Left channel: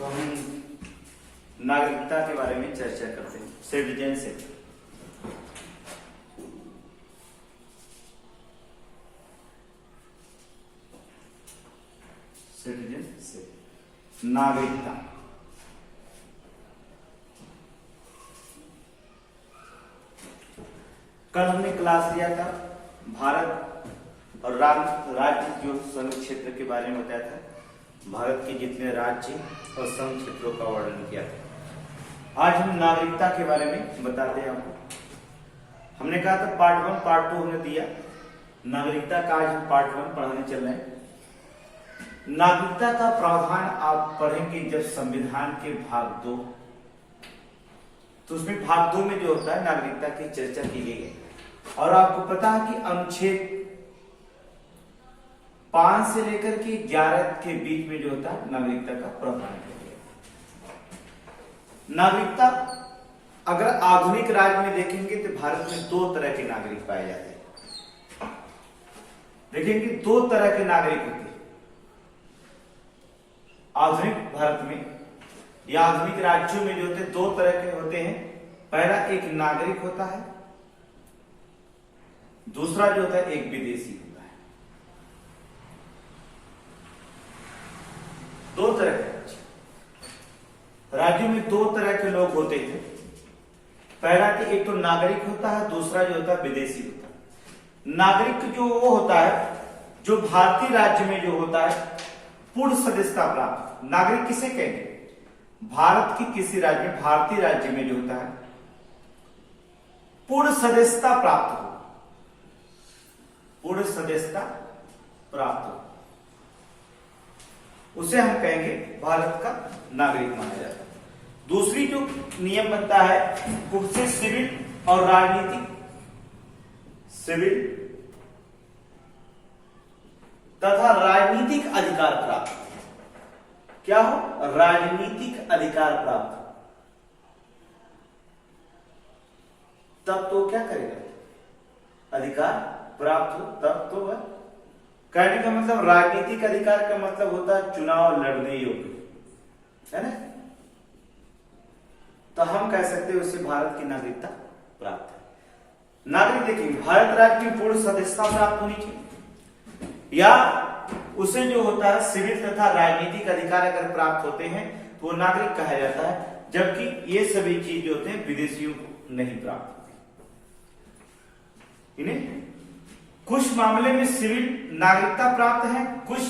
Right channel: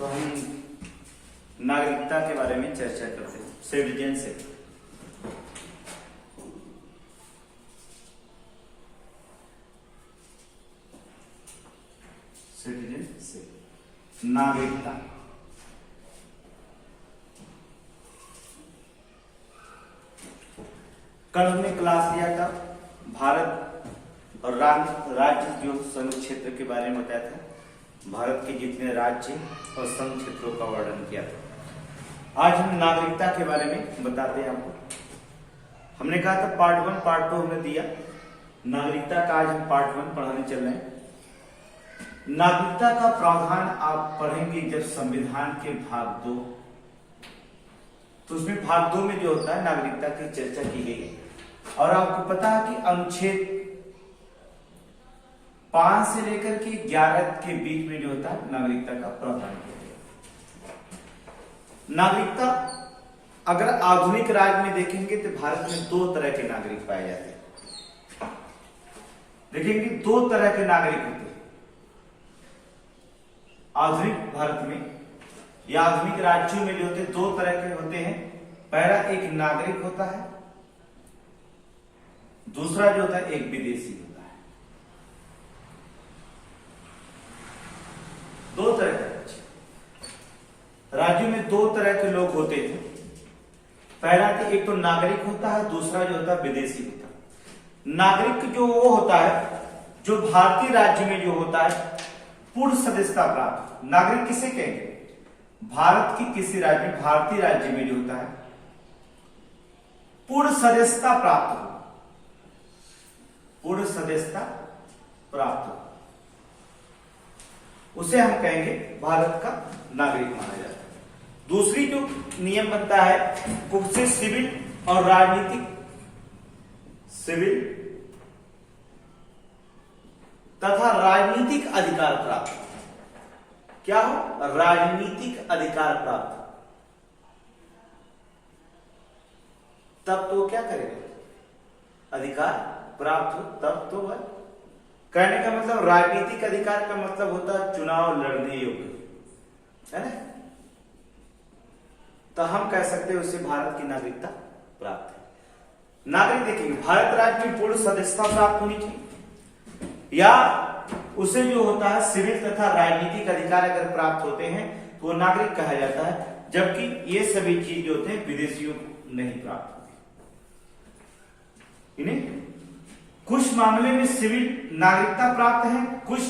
तो हम नागरिकता के बारे में चर्चा करते हैं। सिटीजनशिप, सिटीजनशिप नागरिकता। कल हमने क्लास लिया था भारत और राज्य जो संघ क्षेत्र के बारे में बताया था। भारत के जितने राज्य और संघ क्षेत्रों का वर्णन किया था। आज हम नागरिकता के बारे में बताते हैं आपको। हमने कहा था पार्ट 1 पार्ट 2 हमने दिया। नागरिकता का आज हम पार्ट 1 पढ़ाने चल रहे हैं। नागरिकता का प्रावधान आप पढ़ेंगे जब संविधान के भाग 2, तो उसमें भाग 2 में जो होता है नागरिकता की चर्चा की गई है। और आपको पता है कि अनुच्छेद 5 से लेकर के 11 के बीच में जो होता है नागरिकता का प्रावधान किया गया। नागरिकता अगर आधुनिक राज्य में देखेंगे तो भारत में 2 तरह के नागरिक पाए जाते हैं। देखेंगे 2 तरह के नागरिक होते हैं आधुनिक भारत में या आधुनिक राज्यों में। जो होते 2 तरह के होते हैं। पहला एक नागरिक होता है, दूसरा जो होता है एक विदेशी होता है। 2 तरह के राज्यों में 2 तरह के लोग होते हैं। पहला तो एक तो नागरिक होता है, दूसरा जो होता है विदेशी होता है। नागरिक जो वो होता है जो भारतीय राज्य में जो होता है पूर्ण सदस्यता प्राप्त। नागरिक किसे कहेंगे? भारत की किसी राज्य में, भारतीय राज्य में जो होता है पूर्ण सदस्यता प्राप्त हो, पूर्ण सदस्यता प्राप्त हो, उसे हम कहेंगे भारत का नागरिक माना जाता है। दूसरी जो नियम बनता है उससे सिविल और राजनीतिक, सिविल तथा राजनीतिक अधिकार प्राप्त। क्या हो? राजनीतिक अधिकार प्राप्त। तब तो क्या करेगा? अधिकार प्राप्त हो तब तो वह कहने का मतलब राजनीतिक अधिकार का मतलब होता है चुनाव लड़ने योग्य, है ना। तो हम कह सकते हैं उससे भारत की नागरिकता प्राप्त है। नागरिक देखिए भारत राज्य की पूर्ण सदस्यता प्राप्त होनी चाहिए, या उसे जो होता है सिविल तथा राजनीतिक अधिकार अगर प्राप्त होते हैं तो वो नागरिक कहा जाता है। जबकि ये सभी चीज जो होते हैं विदेशियों को नहीं प्राप्त होती। इन्हें कुछ मामले में सिविल नागरिकता प्राप्त है, कुछ,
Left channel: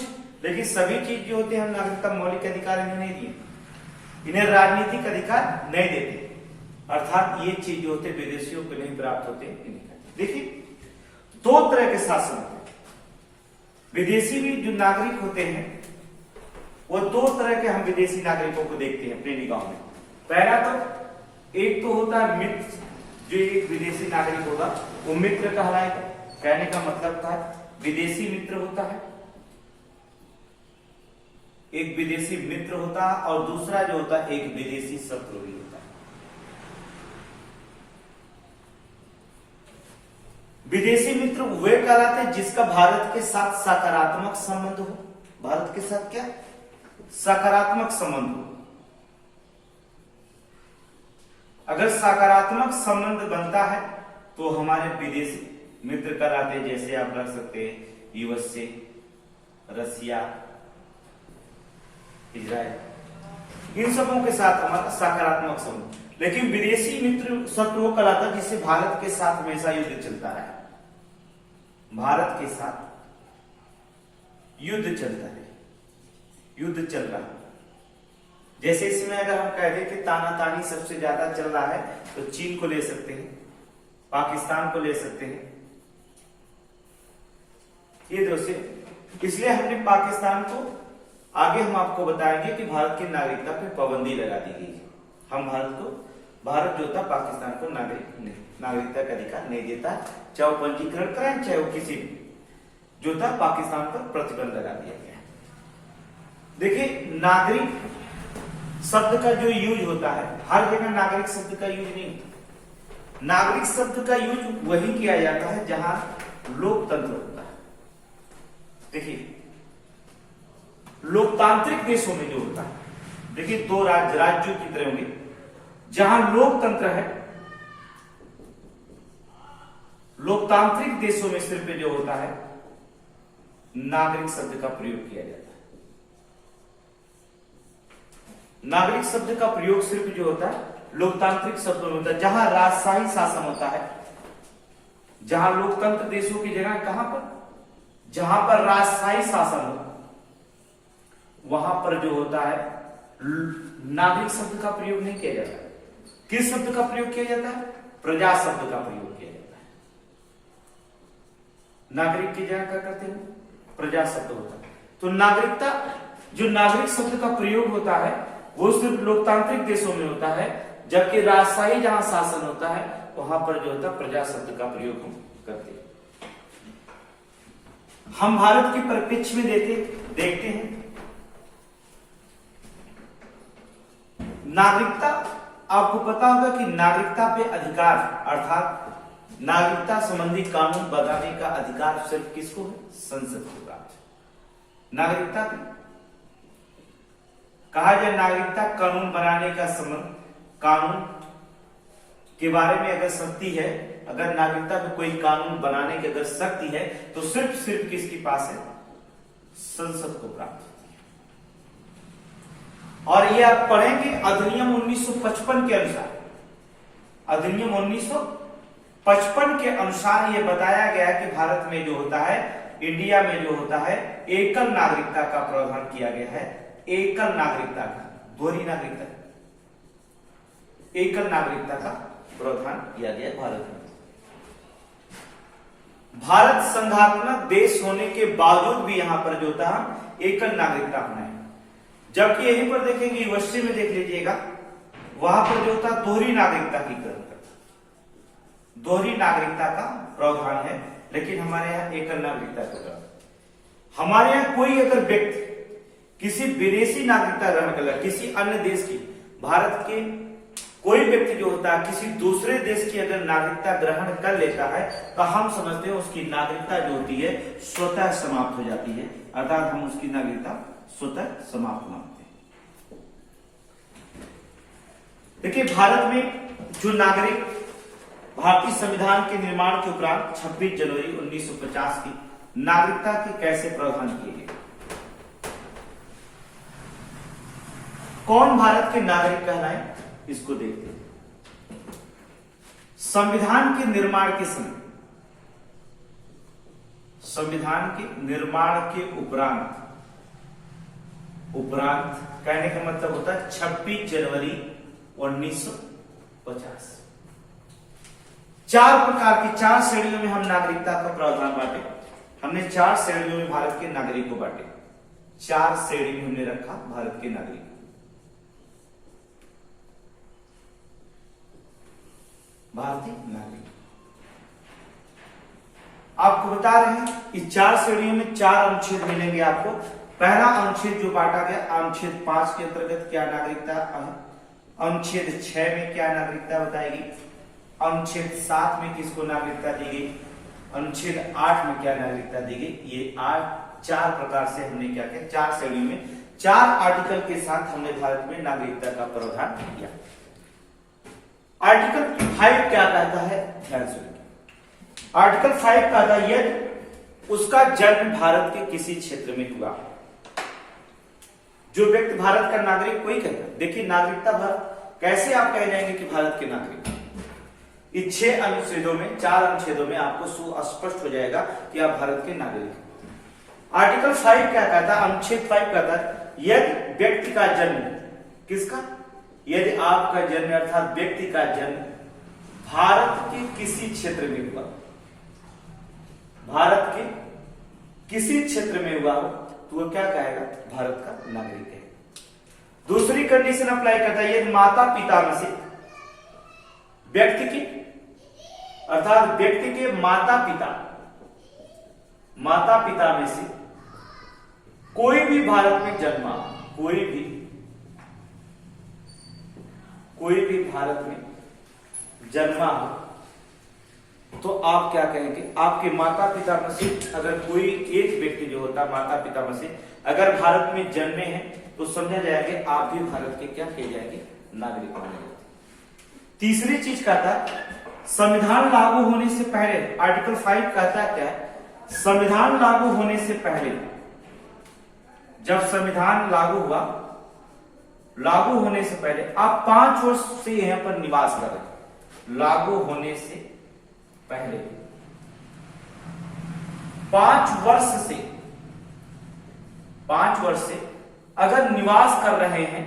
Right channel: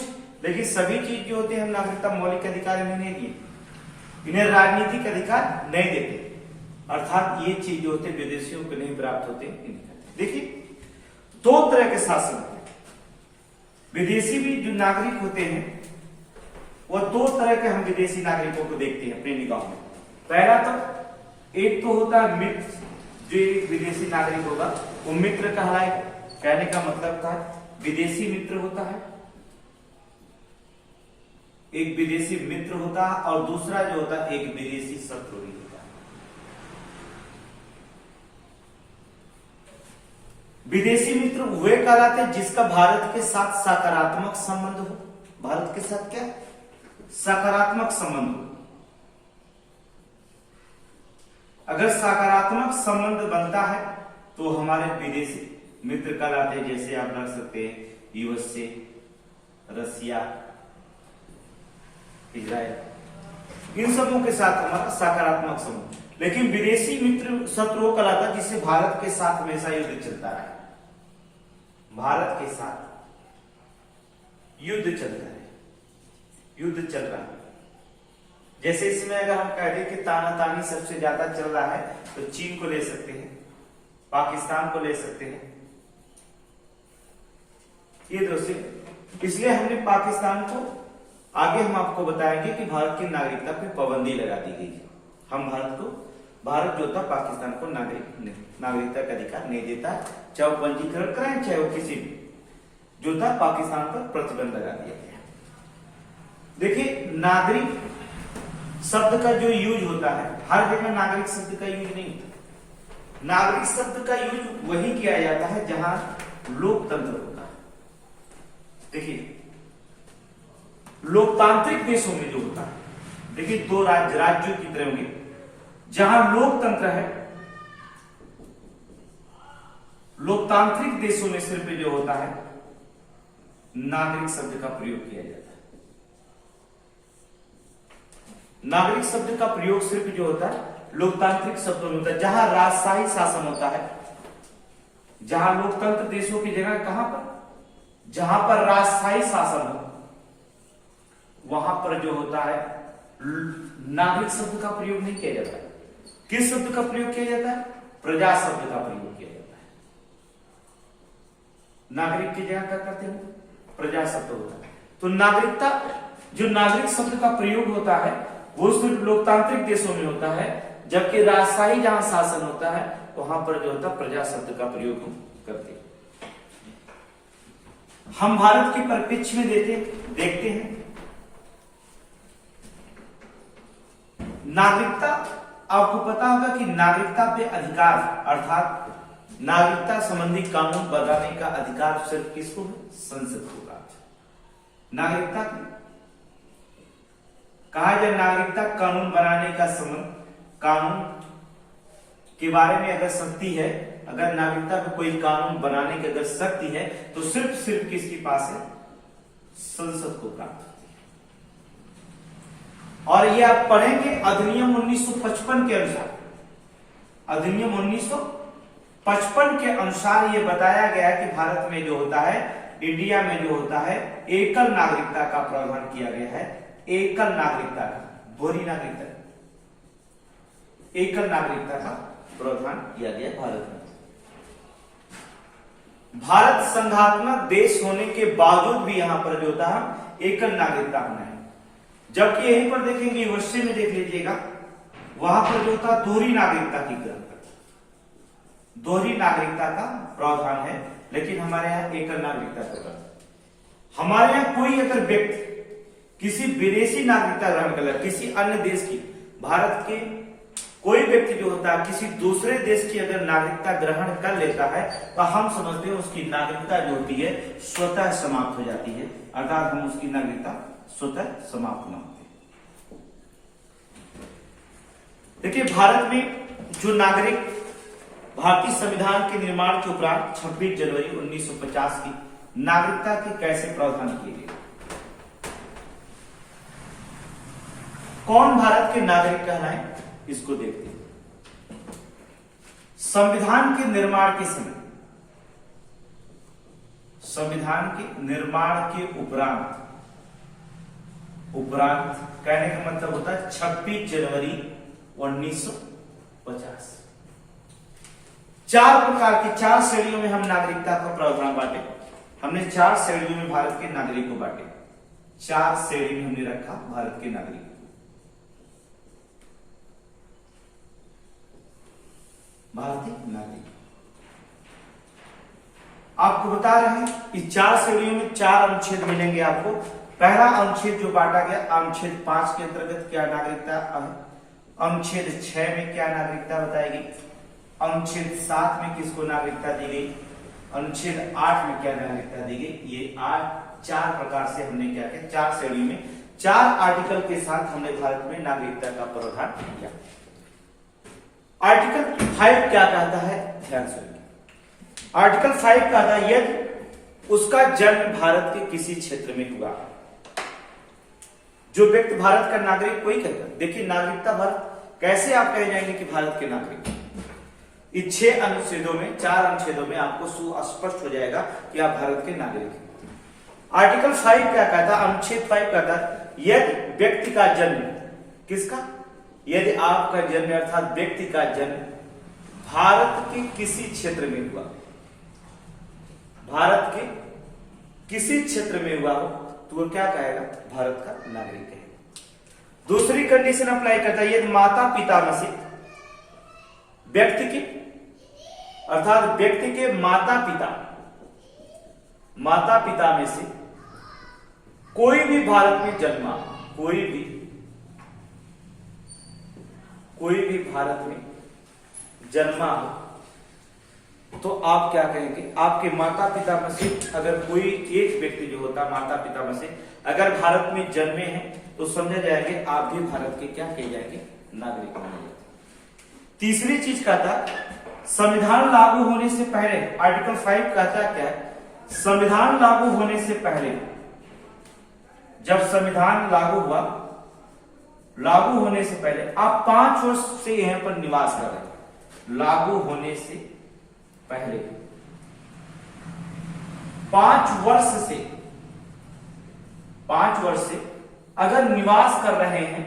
लेकिन सभी चीज जो होते हैं हम नागरिकता मौलिक अधिकार इन्हें नहीं दिए, इन्हें राजनीतिक अधिकार नहीं देते। अर्थात ये चीज जो होते विदेशियों को नहीं प्राप्त होते। देखिए 2 तरह के शासन होते हैं। विदेशी भी जो नागरिक होते हैं वो 2 तरह के हम विदेशी नागरिकों को देखते हैं अपने निगाह में। पहला तो एक तो होता है मित्र, जो एक विदेशी नागरिक होगा वो मित्र कहलाएगा। कहने का मतलब था विदेशी मित्र होता है, एक विदेशी मित्र होता है, और दूसरा जो होता है एक विदेशी शत्रु भी होता है। विदेशी मित्र वे कहलाते हैं जिसका भारत के साथ सकारात्मक संबंध हो। भारत के साथ क्या? सकारात्मक संबंध हो। अगर सकारात्मक संबंध बनता है तो हमारे विदेशी मित्र कहलाते हैं। जैसे आप रख सकते हैं यूएसए, रसिया, इजराइल, इन सबों के साथ हमारा सकारात्मक संबंध। लेकिन विदेशी मित्र शत्रु कहलाता है जिससे भारत के साथ हमेशा युद्ध चलता है। भारत के साथ युद्ध चलता है, युद्ध चल रहा है। जैसे इसमें अगर हम कह दें कि तानातानी सबसे ज्यादा चल रहा है तो चीन को ले सकते हैं, पाकिस्तान को ले सकते हैं, ये दोस्तों। इसलिए हमने पाकिस्तान को, आगे हम आपको बताएंगे कि भारत की नागरिकता पे पाबंदी लगा दी गई है। हम भारत जो था पाकिस्तान को नागरिकता का अधिकार नहीं देता, चाहे वो पंजीकरण कराएं चाहे वो किसी भी, जो था पाकिस्तान पर प्रतिबंध लगा दिया गया। देखिए नागरिक शब्द का जो यूज होता है हर जगह नागरिक शब्द का यूज नहीं होता। नागरिक शब्द का यूज वही किया जाता है जहां लोकतंत्र होता है। देखिए लोकतांत्रिक देशों में जो होता है देखिए दो राज्यों की तरह होंगे। जहां लोकतंत्र है, लोकतांत्रिक देशों में सिर्फ जो होता है नागरिक शब्द का प्रयोग किया जाता है। नागरिक शब्द का प्रयोग सिर्फ जो होता है लोकतांत्रिक शब्दों में होता है। जहां राजशाही शासन होता है, जहां लोकतंत्र देशों की जगह कहां पर, जहां पर राजशाही शासन हो, वहां पर जो होता है नागरिक शब्द का प्रयोग नहीं किया जाता है। किस शब्द का प्रयोग किया जाता है? प्रजा शब्द का प्रयोग किया जाता है। नागरिक की जगह क्या करते हो? प्रजा शब्द होता है। तो नागरिकता, जो नागरिक शब्द का प्रयोग होता है वो सिर्फ लोकतांत्रिक देशों में होता है, जबकि राजशाही जहां शासन होता है वहां पर जो होता है प्रजा शब्द का प्रयोग हम करते हैं। हम भारत के परिप्रेक्ष्य में देखते हैं नागरिकता। आपको पता होगा कि नागरिकता पे अधिकार अर्थात नागरिकता संबंधी कानून बनाने का अधिकार सिर्फ किसको है? संसद को प्राप्त है। नागरिकता कहा जाए, नागरिकता कानून बनाने का संबंध, कानून के बारे में अगर शक्ति है, अगर नागरिकता पे कोई कानून बनाने की अगर शक्ति है तो सिर्फ किसके पास है? संसद को प्राप्त होती है। और ये आप पढ़ेंगे अधिनियम 1955 के अनुसार, अधिनियम 1955 के अनुसार ये बताया गया है कि भारत में जो होता है, इंडिया में जो होता है एकल नागरिकता का प्रावधान किया गया है। एकल नागरिकता का, दोहरी नागरिकता, एकल नागरिकता का प्रावधान किया गया भारत में। भारत संघात्मक देश होने के बावजूद भी यहां पर जो होता है एकल नागरिकता होना है। जबकि यहीं पर देखेंगे यूनिवर्सिटी में देख लीजिएगा, वहां पर जो होता है दोहरी नागरिकता की ग्रहण करता है, दोहरी नागरिकता का प्रावधान है, लेकिन हमारे यहां एकल नागरिकता का। हमारे यहां कोई अगर व्यक्ति किसी विदेशी नागरिकता ग्रहण कर ले, किसी अन्य देश की, भारत के कोई व्यक्ति जो होता है किसी दूसरे देश की अगर नागरिकता ग्रहण कर लेता है तो हम समझते हैं उसकी नागरिकता जो होती है स्वतः समाप्त हो जाती है, अर्थात हम उसकी नागरिकता स्वतः समाप्त मानते हैं। देखिए भारत में जो नागरिक, भारतीय संविधान के निर्माण के उपरांत 26 जनवरी 1950 की नागरिकता के कैसे प्रावधान किए गए? कौन भारत के नागरिक कहलाए, इसको देखते हैं। संविधान के निर्माण के समय, संविधान के निर्माण के उपरांत कहने का मतलब होता है 26 जनवरी 1950। चार प्रकार की, 4 श्रेणियों में हम नागरिकता का प्रावधान बांटे। हमने 4 श्रेणियों में भारत के नागरिक को बांटे, 4 श्रेणी में हमने रखा भारत के नागरिक। भारतीय नागरिक आपको बता रहे हैं इस 4 श्रेणियों में 4 अनुच्छेद मिलेंगे आपको। पहला अनुच्छेद जो बांटा गया, अनुच्छेद 5 के अंतर्गत क्या नागरिकता है, अनुच्छेद 6 में क्या नागरिकता बताएगी, अनुच्छेद 7 में किसको नागरिकता दी गई, अनुच्छेद 8 में क्या नागरिकता दी गई। ये 4 प्रकार से हमने क्या किया, 4 श्रेणियों में 4 आर्टिकल के साथ हमने भारत में नागरिकता का प्रावधान किया। आर्टिकल 5 क्या कहता है, ध्यान सुनिए। आर्टिकल 5 कहता है यदि उसका जन्म भारत के किसी क्षेत्र में हुआ, जो व्यक्ति भारत का नागरिक कोई कहता है। देखिए नागरिकता भारत, कैसे आप कह जाएंगे कि भारत के नागरिक? इस 6 अनुच्छेदों में, 4 अनुच्छेदों में आपको सुस्पष्ट हो जाएगा कि आप भारत के नागरिक हैं। आर्टिकल 5 क्या कहता है, अनुच्छेद 5 कहता है यदि व्यक्ति का जन्म, किसका, यदि आपका जन्म अर्थात व्यक्ति का जन्म भारत के किसी क्षेत्र में हुआ, भारत के किसी क्षेत्र में हुआ हो तो वो क्या कहेगा, भारत का नागरिक है। दूसरी कंडीशन अप्लाई करता है यदि माता पिता में से व्यक्ति की, अर्थात व्यक्ति के माता पिता में से कोई भी भारत में जन्मा, कोई भी भारत में जन्मा हो, तो आप क्या कहेंगे, आपके माता पिता में से अगर कोई एक व्यक्ति जो होता माता पिता में से अगर भारत में जन्मे हैं तो समझा जाएगा आप भी भारत के क्या कहे जाएंगे, नागरिक माने जाएंगे। तीसरी चीज कहता संविधान लागू होने से पहले, आर्टिकल 5 कहता क्या है, संविधान लागू होने से पहले, जब संविधान लागू हुआ, लागू होने से पहले आप 5 वर्ष से यहां पर निवास कर रहे हैं। लागू होने से पहले 5 वर्ष से अगर निवास कर रहे हैं,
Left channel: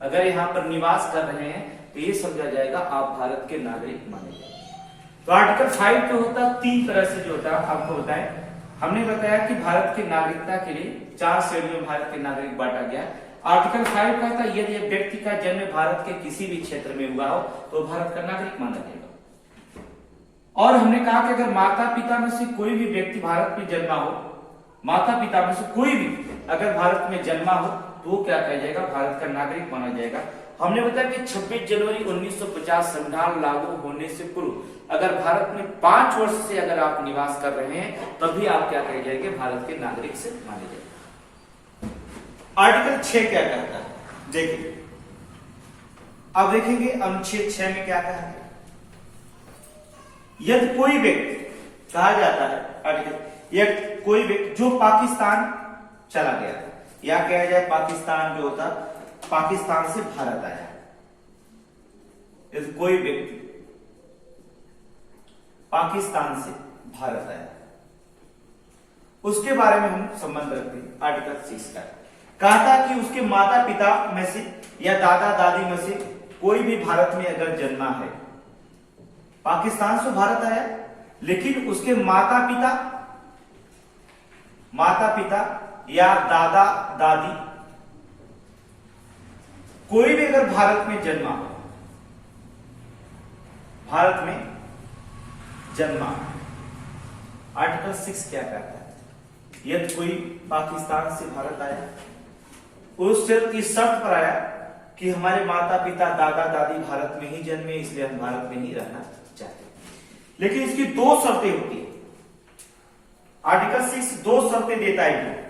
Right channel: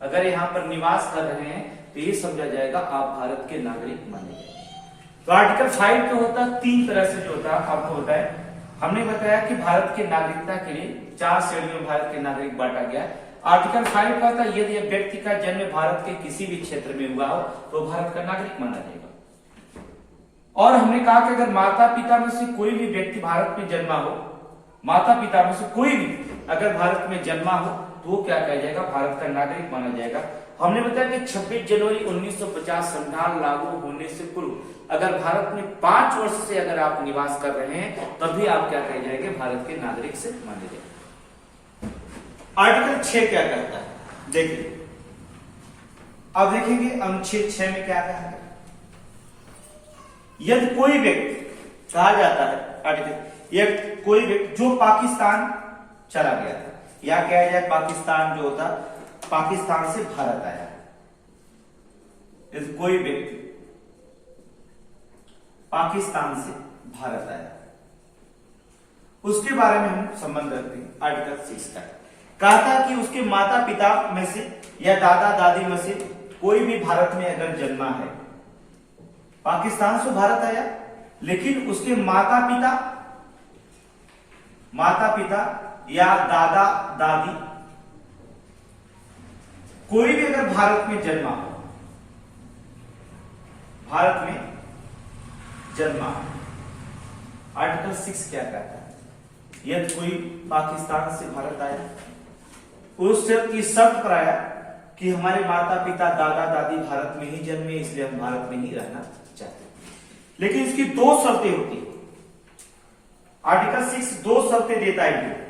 अगर यहां पर निवास कर रहे हैं तो ये समझा जाएगा आप भारत के नागरिक माने जाएंगे। तो आर्टिकल 5 जो होता है 3 तरह से जो होता है आपको होता है। हमने बताया कि भारत की नागरिकता के लिए 4 श्रेणियों में भारत के नागरिक बांटा गया है। आर्टिकल 5 का था यदि व्यक्ति का जन्म भारत के किसी भी क्षेत्र में हुआ हो तो भारत का नागरिक माना जाएगा। और हमने कहा कि अगर माता पिता में से कोई भी व्यक्ति भारत में जन्मा हो, माता पिता में से कोई भी अगर भारत में जन्मा हो तो वो क्या कहा जाएगा, भारत का नागरिक माना जाएगा। हमने बताया कि 26 जनवरी 1950 संविधान लागू होने से पूर्व अगर भारत में 5 वर्ष से अगर आप निवास कर रहे हैं तभी आप क्या कहे जाएंगे, भारत के नागरिक से माने जाएंगे। आर्टिकल 6 क्या कहता है, देखिए अब देखेंगे अनुच्छेद 6 में क्या कहा है। यदि कोई व्यक्ति कहा जाता है आर्टिकल, यदि कोई व्यक्ति जो पाकिस्तान चला गया था या कहा जाए पाकिस्तान जो होता पाकिस्तान से भारत आया, यदि कोई व्यक्ति पाकिस्तान से भारत आया उसके बारे में हम संबंध रखते हैं। आर्टिकल 6 का कहता कि उसके माता पिता में से या दादा दादी में से कोई भी भारत में अगर जन्मा है, पाकिस्तान से भारत आया लेकिन उसके माता पिता या दादा दादी कोई भी अगर भारत में जन्मा हो, भारत में जन्मा, आर्टिकल 6 क्या कहता है, यदि कोई पाकिस्तान से भारत आया उस शर्त पर आया कि हमारे माता पिता दादा दादी भारत में ही जन्मे इसलिए हम भारत में ही रहना चाहते हैं, लेकिन इसकी 2 शर्तें होती है। आर्टिकल 6 2 शर्तें देता है।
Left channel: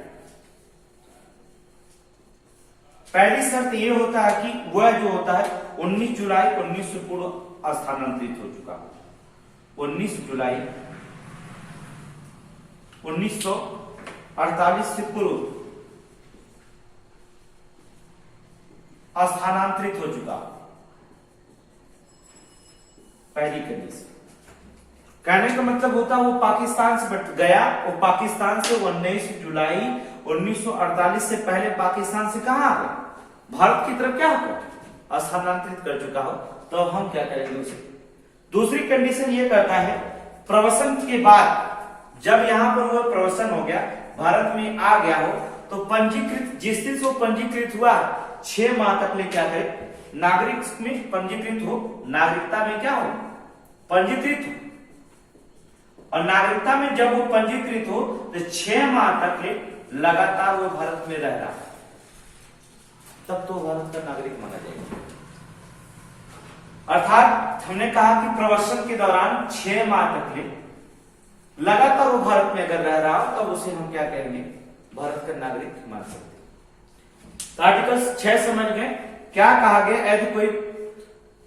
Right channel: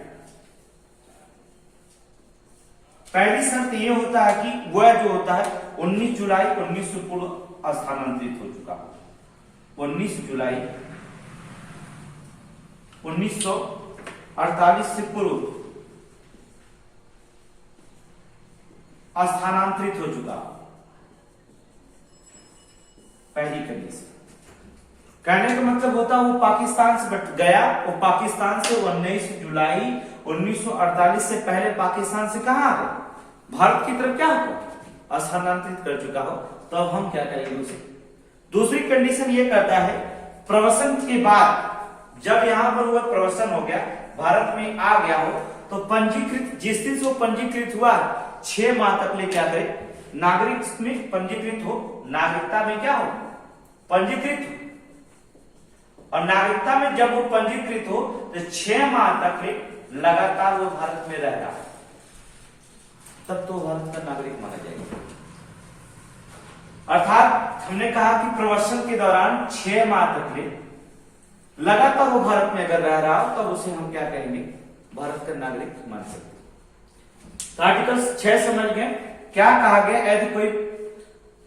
पहली शर्त यह होता है कि वह जो होता है 19 जुलाई 1900 पूर्व स्थानांतरित हो चुका हो। 19 जुलाई 1948 से पूर्व स्थानांतरित हो चुका। पहली कंडीशन, कहने का मतलब होता है वो पाकिस्तान से गया, वो पाकिस्तान से 19 जुलाई 1948 से पहले पाकिस्तान से कहां आ गया, भारत की तरफ क्या हुआ, स्थानांतरित कर चुका हो, तो अब हम क्या करेंगे उसे। दूसरी कंडीशन ये करता है प्रवसन के बाद, जब यहां पर वो प्रवसन हो गया, भारत में आ गया हो, तो पंजीकृत, जिस दिन से वो पंजीकृत हुआ 6 माह तक ले क्या करे, नागरिक में पंजीकृत हो, नागरिकता में क्या हो, पंजीकृत हो। और नागरिकता में जब वो पंजीकृत हो तो 6 माह तक ले लगातार वो भारत में रह रहा है, तब तो भारत का नागरिक माना जाएगा। अर्थात हमने कहा कि प्रवसन के दौरान 6 माह तक ले लगातार वो भारत में अगर रह रहा हो तब उसे हम क्या कहेंगे, भारत का नागरिक मान सकते हैं। तो आर्टिकल 6 समझ गए क्या कहा गया, यदि कोई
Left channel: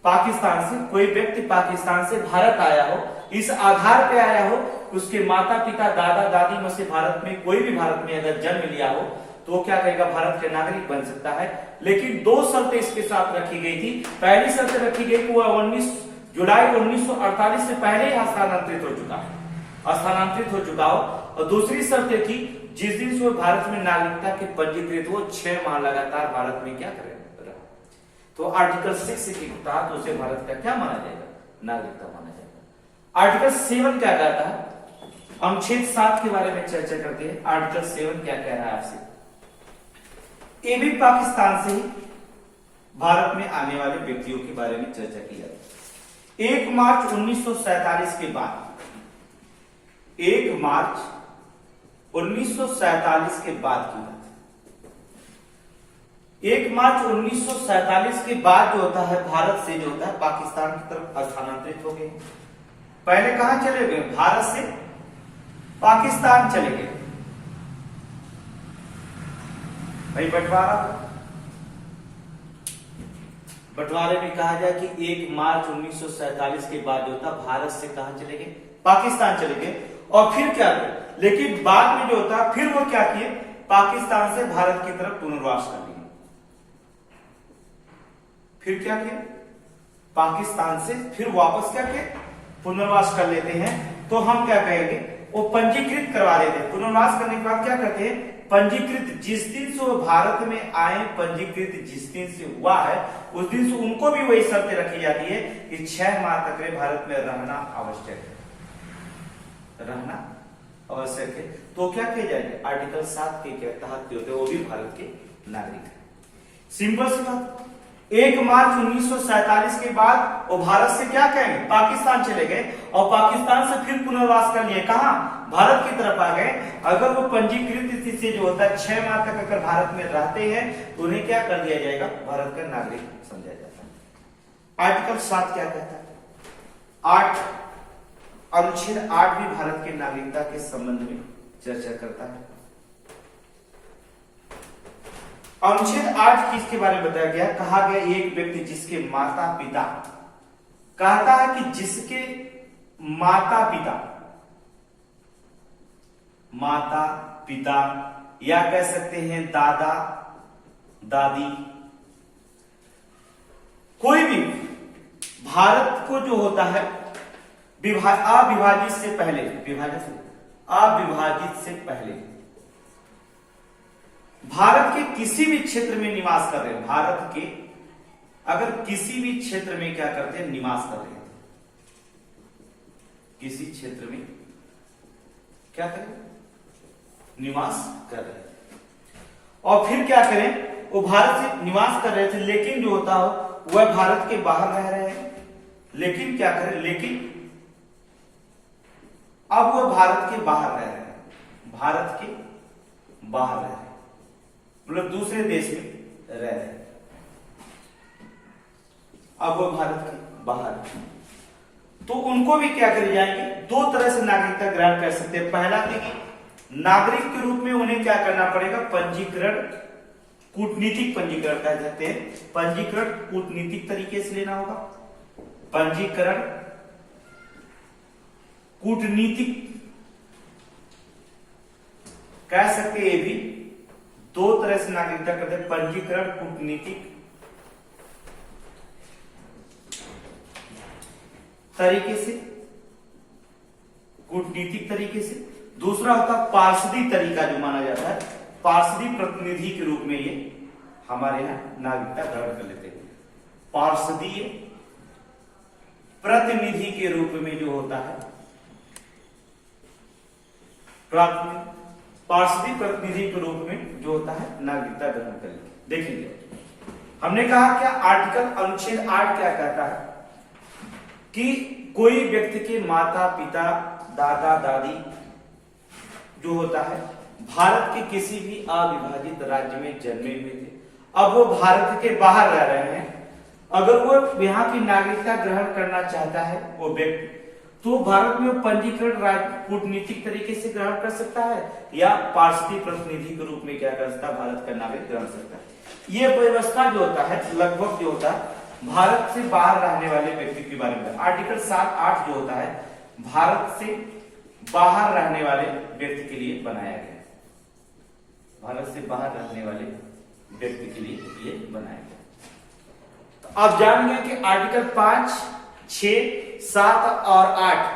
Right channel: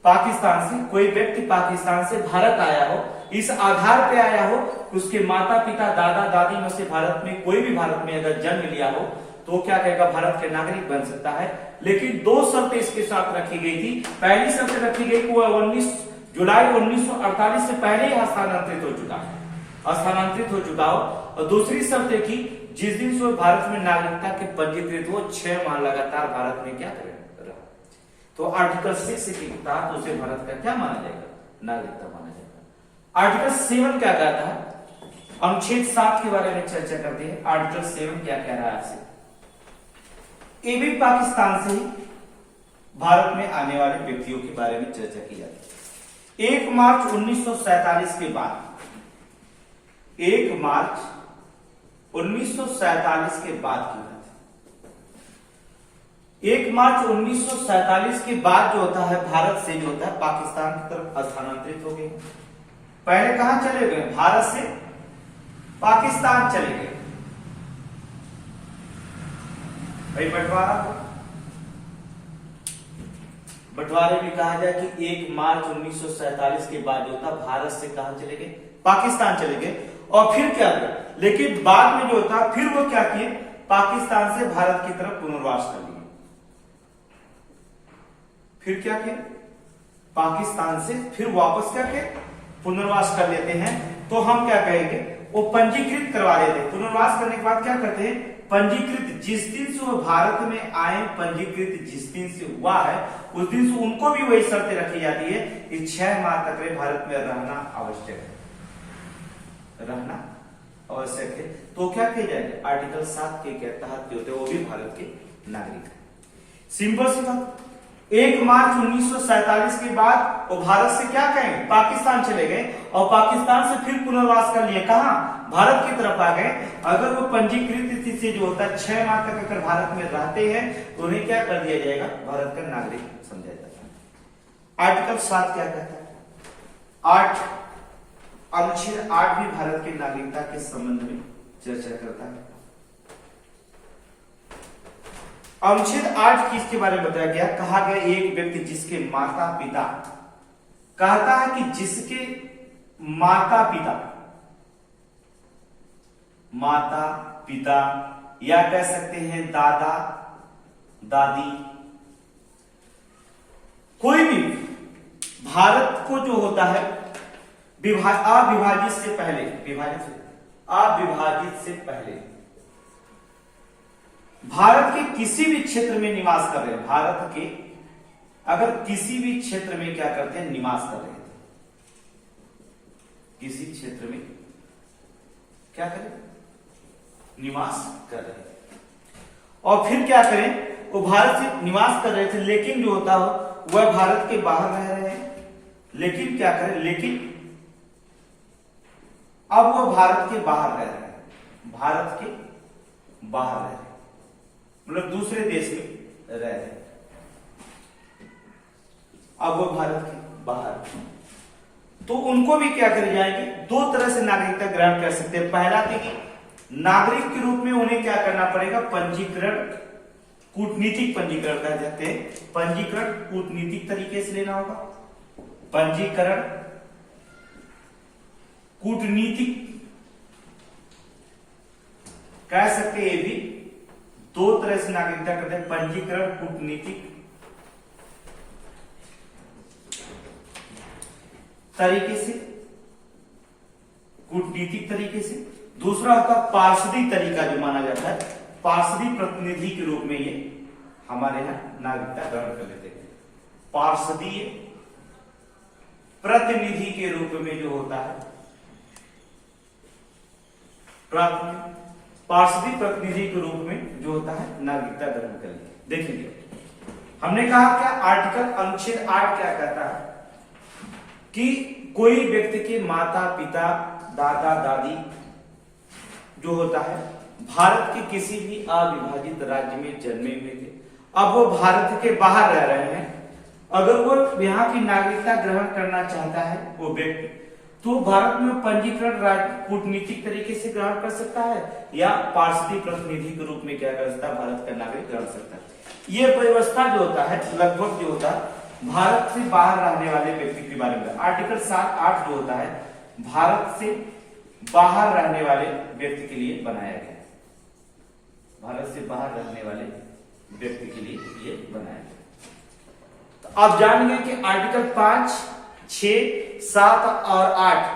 पाकिस्तान से, कोई व्यक्ति पाकिस्तान से भारत आया हो, इस आधार पे आया हो उसके माता पिता दादा दादी में से भारत में कोई भी भारत में अगर जन्म लिया हो तो क्या कहेगा, भारत के नागरिक बन सकता है। लेकिन 2 शर्तें इसके साथ रखी गई थी। पहली शर्त रखी गई कि वह 19 जुलाई 1948 से पहले ही स्थानांतरित हो चुका हो, और दूसरी शर्त थी जिस दिन से भारत में नागरिकता के पंजीकृत हो 6 माह लगातार भारत में क्या करेगा, तो आर्टिकल 6 के तहत उसे भारत का क्या माना जाएगा, नागरिकता माना जाएगा। आर्टिकल 7 क्या कहता है, अनुच्छेद 7 के बारे में चर्चा करते हैं। आर्टिकल 7 क्या कह रहा है आपसे, ये भी पाकिस्तान से ही भारत में आने वाले व्यक्तियों के बारे में चर्चा की जाती है। 1 मार्च 1947 के बाद, 1 मार्च 1947 के बाद की बात, 1 मार्च 1947 के बाद जो होता है भारत से जो होता है पाकिस्तान की तरफ स्थानांतरित हो गए। पहले कहां चले गए, भारत से पाकिस्तान चले गए। भाई बंटवारे में कहा जाए कि 1 मार्च 1947 के बाद जो था भारत से कहां चले गए, पाकिस्तान चले गए। और फिर क्या किया, लेकिन बाद में जो था फिर वो क्या किए, पाकिस्तान से भारत की तरफ पुनर्वास कर लिए। फिर क्या किया, पाकिस्तान से फिर वापस क्या किया, पुनर्वास कर लेते हैं। तो हम क्या कहेंगे, वो पंजीकृत करवा लेते हैं। पुनर्वास करने के बाद क्या करते हैं, पंजीकृत जिस दिन से वो भारत में आए, पंजीकृत जिस दिन से हुआ है उस दिन से उनको भी वही शर्त रखी जाती है कि 6 माह तक भारत में रहना आवश्यक है, रहना आवश्यक है। तो क्या किया जाएगा, आर्टिकल 7 के तहत जो होते हैं वो भी भारत के नागरिक है। सिंपल सी बात। 1 मार्च 1947 के बाद वो भारत से क्या कहेंगे, पाकिस्तान चले गए और पाकिस्तान से फिर पुनर्वास कर लिए, कहां, भारत की तरफ आ गए। अगर वो पंजीकृत स्थिति से जो होता है 6 माह तक अगर भारत में रहते हैं तो उन्हें क्या कर दिया जाएगा, भारत का नागरिक समझा जाता है। आर्टिकल 7 क्या कहता है, 8 अनुच्छेद 8 भी भारत की नागरिकता के संबंध में चर्चा करता है। अनुच्छेद 8 किसके बारे में बताया गया, कहा गया एक व्यक्ति जिसके माता पिता, कहता है कि जिसके माता पिता या कह सकते हैं दादा दादी, कोई भी भारत को जो होता है अविभाजित से पहले भारत के किसी भी क्षेत्र में निवास कर रहे हैं, भारत के अगर किसी भी क्षेत्र में क्या करते हैं, निवास कर रहे हैं, किसी क्षेत्र में क्या करें, निवास कर रहे हैं। और फिर क्या करें, वो भारत से निवास कर रहे थे लेकिन जो होता हो वह भारत के बाहर रह रहे हैं, लेकिन क्या करें, लेकिन अब वो भारत के बाहर रह रहे हैं, भारत के बाहर रह रहे हैं, मतलब दूसरे देश में रह रहे हैं, अब वो भारत के बाहर, तो उनको भी क्या कर जाएंगे, 2 तरह से नागरिकता ग्रहण कर सकते हैं। पहला देखिए, नागरिक के रूप में उन्हें क्या करना पड़ेगा, पंजीकरण, कूटनीतिक पंजीकरण कह जाते हैं, पंजीकरण कूटनीतिक तरीके से लेना होगा, पंजीकरण कूटनीतिक कह सकते हैं। ये भी 2 तरह से नागरिकता करते हैं, पंजीकरण कूटनीतिक तरीके से, कूटनीतिक तरीके से। दूसरा होता पार्षदी तरीका जो माना जाता है, पार्षदी प्रतिनिधि के रूप में ये हमारे यहां नागरिकता ग्रहण कर लेते हैं। पार्षदीय प्रतिनिधि के रूप में जो होता है, पार्षदी प्रतिनिधि के रूप में जो होता है नागरिकता ग्रहण कर लेते। देखिए हमने कहा क्या, आर्टिकल अनुच्छेद 8 क्या कहता है कि कोई व्यक्ति के माता पिता दादा दादी जो होता है भारत के किसी भी अविभाजित राज्य में जन्मे हुए थे, अब वो भारत के बाहर रह रहे हैं, अगर वो यहाँ की नागरिकता ग्रहण करना चाहता है वो व्यक्ति, तो भारत में पंजीकरण कूटनीतिक तरीके से ग्रहण कर सकता है या पार्षदी प्रतिनिधि के रूप में क्या कर सकता है, भारत का नागरिक ग्रहण सकता है। ये व्यवस्था जो होता है लगभग जो होता है भारत से बाहर रहने वाले व्यक्ति के बारे में। आर्टिकल 7-8 जो होता है भारत से बाहर रहने वाले व्यक्ति के लिए बनाया गया है, भारत से बाहर रहने वाले व्यक्ति के लिए ये बनाया गया। तो आप जान गए कि आर्टिकल 5, 6, 7 और 8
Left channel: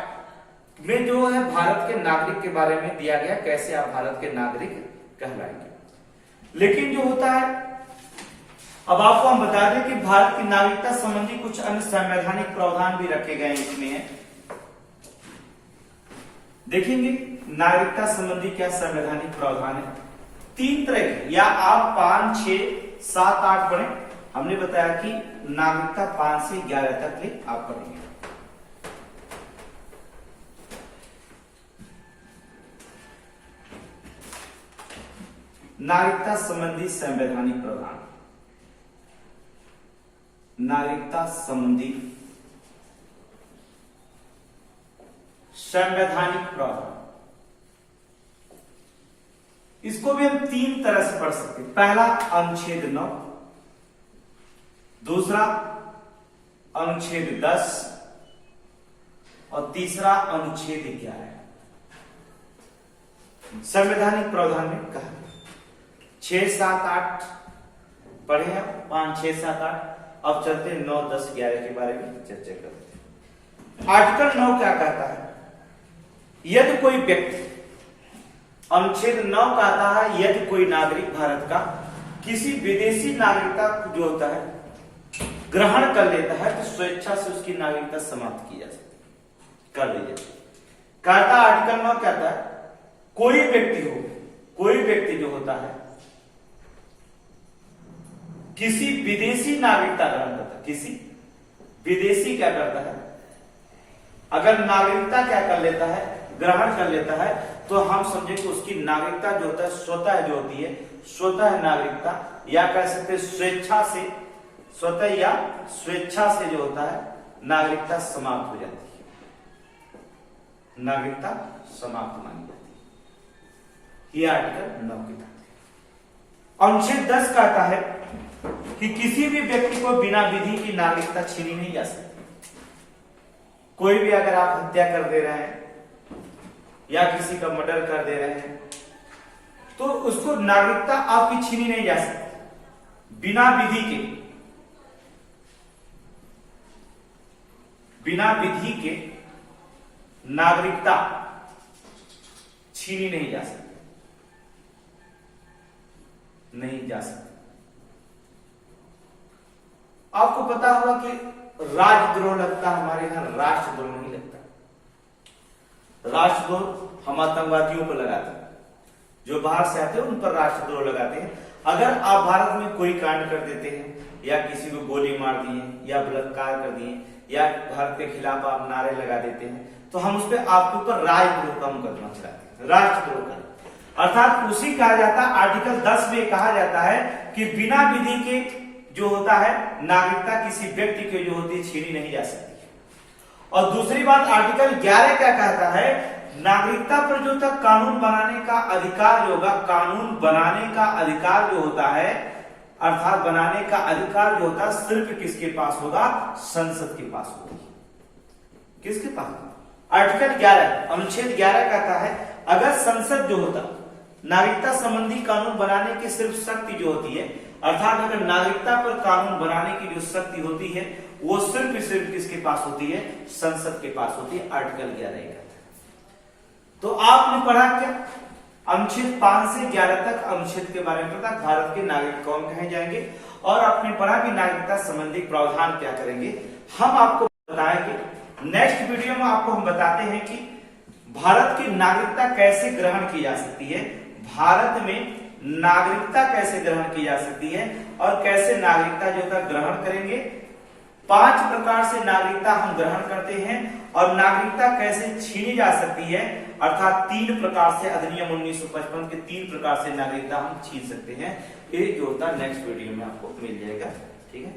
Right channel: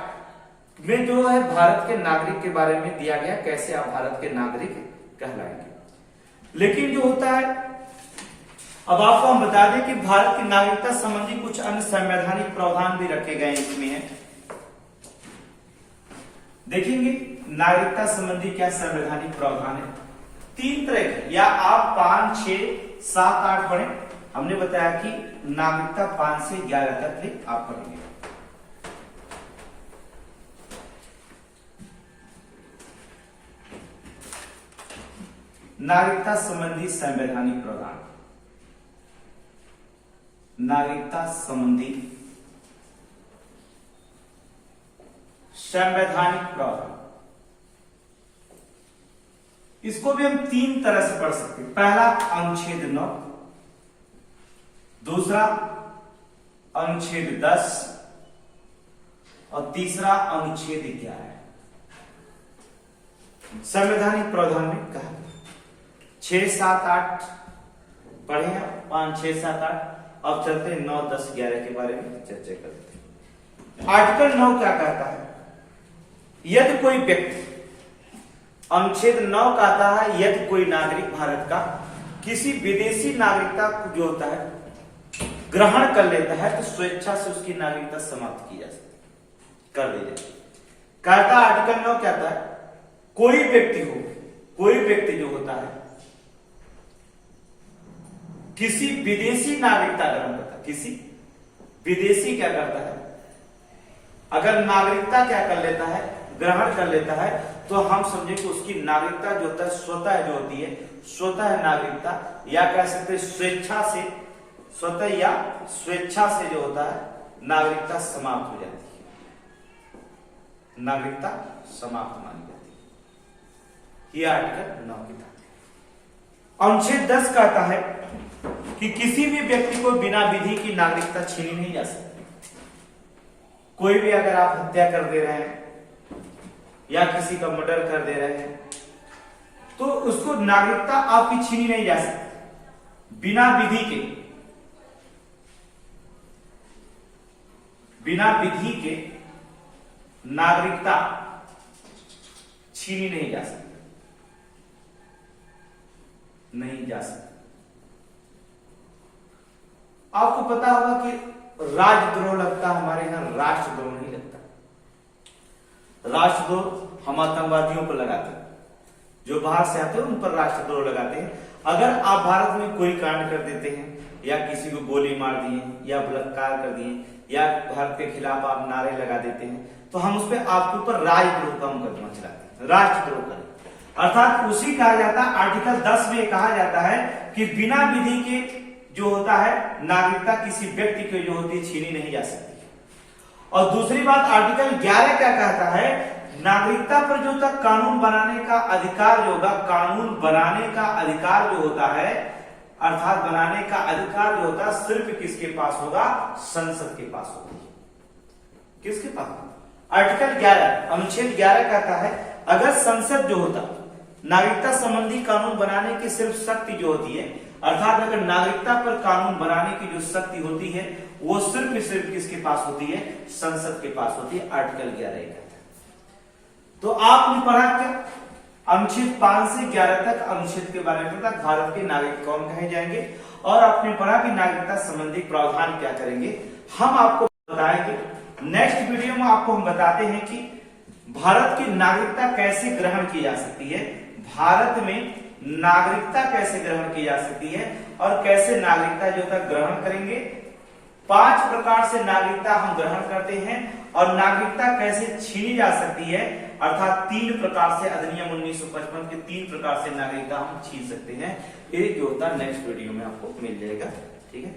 में जो है भारत के नागरिक के बारे में दिया गया, कैसे आप भारत के नागरिक कहलाएंगे। लेकिन जो होता है, अब आपको हम बता दें कि भारत की नागरिकता संबंधी कुछ अन्य संवैधानिक प्रावधान भी रखे गए इसमें है। देखेंगे नागरिकता संबंधी क्या संवैधानिक प्रावधान है, 3 तरह के, या आप 5, 6, 7, 8 पढ़े। हमने बताया कि नागरिकता 5 से 11 तक भी आप पढ़ेंगे। नागरिकता संबंधी संवैधानिक प्रावधान, नागरिकता संबंधी संवैधानिक प्रावधान। इसको भी हम तीन तरह से पढ़ सकते हैं। पहला अनुच्छेद 9, दूसरा अनुच्छेद 10 और तीसरा अनुच्छेद 11। संवैधानिक प्रावधान में कहा 6, 7, 8 पढ़े हैं, 5, 6, 7, 8। अब चलते हैं 9, 10, 11 के बारे में चर्चा करते हैं। आर्टिकल 9 क्या कहता है? यदि कोई व्यक्ति, अनुच्छेद 9 कहता है यदि कोई नागरिक भारत का किसी विदेशी नागरिकता जो होता है ग्रहण कर लेता है तो स्वेच्छा से उसकी नागरिकता समाप्त की जा सकती कर ली जाती। कहता आर्टिकल 9 कहता है कोई व्यक्ति जो होता है किसी विदेशी नागरिकता ग्रहण करता है, किसी विदेशी क्या करता है, अगर नागरिकता क्या कर लेता है, ग्रहण कर लेता है, तो हम समझे कि उसकी नागरिकता जो होता है स्वतः जो होती है, स्वतः नागरिकता या कह सकते स्वेच्छा से, स्वतः या स्वेच्छा से जो होता है नागरिकता समाप्त हो जाती है, नागरिकता समाप्त मानी जाती है। यह आर्टिकल 9 की बात है। अनुच्छेद 10 कहता है कि किसी भी व्यक्ति को बिना विधि की नागरिकता छीनी नहीं जा सकती। कोई भी अगर आप हत्या कर दे रहे हैं या किसी का मर्डर कर दे रहे हैं तो उसको नागरिकता आपकी छीनी नहीं जा सकती। बिना विधि के नागरिकता छीनी नहीं जा सकती, नहीं जा सकती। आपको पता होगा कि राजद्रोह लगता है, हमारे यहां राष्ट्रद्रोह नहीं लगता। राष्ट्रद्रोह हम आतंकवादियों पर लगाते हैं, जो बाहर से आते हैं उन पर राष्ट्रद्रोह लगाते हैं। अगर आप भारत में कोई कांड कर देते हैं या किसी को गोली मार दिए या बलात्कार कर दिए या भारत के खिलाफ आप नारे लगा देते हैं तो हम उस पर आपके ऊपर राजद्रोह का मुकदमा चलाते हैं, राष्ट्रद्रोह का। अर्थात उसी कहा जाता है, आर्टिकल 10 में कहा जाता है कि बिना विधि के जो होता है नागरिकता किसी व्यक्ति की जो होती है छीनी नहीं जा सकती। और दूसरी बात आर्टिकल 11 क्या कहता है, नागरिकता पर जो होता कानून बनाने का अधिकार जो होगा, कानून बनाने का अधिकार जो होता है, अर्थात बनाने का अधिकार जो होता है सिर्फ किसके पास होगा, संसद के पास होगा। किसके पास? आर्टिकल 11 अनुच्छेद 11 कहता है अगर संसद जो होता नागरिकता संबंधी कानून बनाने की सिर्फ शक्ति जो होती है, अर्थात अगर नागरिकता पर कानून बनाने की जो शक्ति होती है वो सिर्फ किसके पास होती है, संसद के पास होती है। आर्टिकल 11 कहता है। तो आपने पढ़ा क्या, अनुच्छेद 5 से 11 तक अनुच्छेद के बारे में पता, भारत के नागरिक कौन कहे जाएंगे, और आपने पढ़ा कि नागरिकता संबंधी प्रावधान क्या करेंगे। हम आपको बताएंगे नेक्स्ट वीडियो में, आपको हम बताते हैं कि भारत की नागरिकता कैसे ग्रहण की जा सकती है, भारत में नागरिकता कैसे ग्रहण की जा सकती है और कैसे नागरिकता जो है ग्रहण करेंगे। 5 प्रकार से नागरिकता हम ग्रहण करते हैं और नागरिकता कैसे छीनी जा सकती है, अर्थात 3 प्रकार से अधिनियम 1955 के 3 प्रकार से नागरिकता हम छीन सकते हैं। ये जो होता नेक्स्ट वीडियो में आपको मिल जाएगा। ठीक है।